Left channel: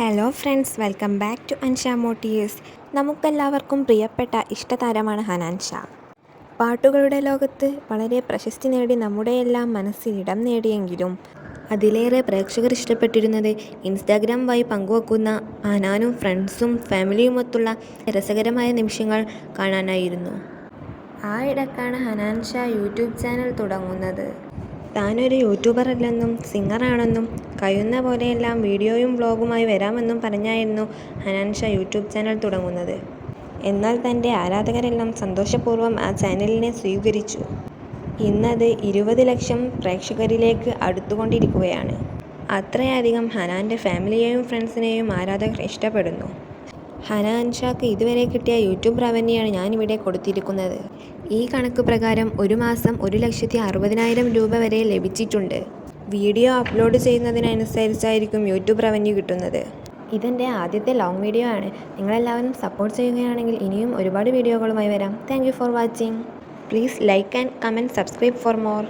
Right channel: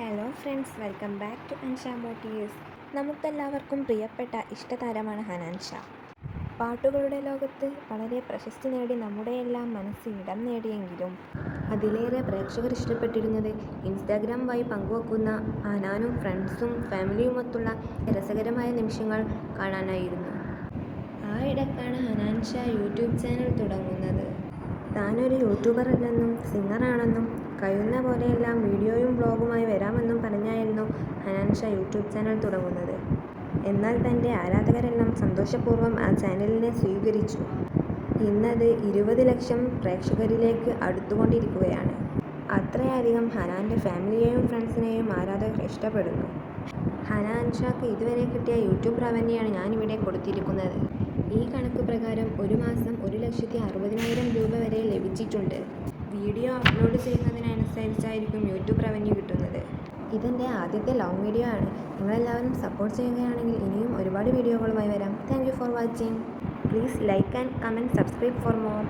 Hello friends, welcome back to Ansha motives. നമുക്കെല്ലാവർക്കും പ്രിയപ്പെട്ട ഇഷ്ടതാരമാണ് ഹനാൻ ഷാ. പാട്ടുകളുടെ ലോകത്ത് വളരെ പ്രശസ്തി നേടി നമ്മുടെയെല്ലാം മനസ്സിൽ ഇടം നേടിയെങ്കിലും അതിലേറെ പ്രേക്ഷകർ ഇഷ്ടപ്പെട്ടിരുന്നത് ഇൻസ്റ്റാഗ്രാം വഴി പങ്കുവെക്കുന്ന ഹനാനും ഫ്രണ്ട്സും ഫാമിലിയുമൊത്തുള്ള രസകരമായ നിമിഷങ്ങൾ കാണാനായിരുന്നു. ആ ഇടക്കാണ് ഹനാൻ ഷാ യൂട്യൂബ് ചാനൽ തുടങ്ങുന്നത്. താനൊരു യൂട്യൂബർ അല്ലെന്നും സിംഗറാണെന്നും കഴിയുന്ന പോലെയെല്ലാം വീഡിയോയും വ്ളോഗുമായി വരാമെന്നും പറഞ്ഞായിരുന്നു ഹനാൻ ഷാ യൂട്യൂബ് ചാനൽ തുടങ്ങുന്നത്. എന്നാൽ തൻ്റെ ആരാധകരെല്ലാം സന്തോഷപൂർവ്വം ആ ചാനലിനെ സ്വീകരിച്ചു. ഇന്നത് 20 ലക്ഷം പ്രേക്ഷകരിലേക്ക് അടുത്തുകൊണ്ടിരിക്കുകയാണ്. അത്രയധികം ഹനാൻ്റെ ഫാമിലിയെയും ഫ്രണ്ട്സിനെയും ആരാധകർ ഇഷ്ടപ്പെടുന്നു. ഹനാൻ ഷാക്ക് ഇതുവരെ കിട്ടിയ യൂട്യൂബ് റവന്യൂയാണ് ഞാനിവിടെ കൊടുത്തിരിക്കുന്നത്. ഈ കണക്ക് പ്രകാരം ഒരു മാസം 1,60,000 രൂപ വരെ ലഭിച്ചിട്ടുണ്ട്. വീഡിയോ അപ്ലോഡ് ചെയ്യുന്നതിനനുസരിച്ചായിരിക്കും യൂട്യൂബ് റവന്യൂ കിട്ടുന്നത്. ഇതെൻ്റെ ആദ്യത്തെ ലോങ് വീഡിയോ ആണ്. നിങ്ങളെല്ലാവരും സപ്പോർട്ട് ചെയ്യുകയാണെങ്കിൽ ഇനിയും ഒരുപാട് വീഡിയോകളുമായി വരാം. Thank you for watching. Please like and comment, subscribe for more.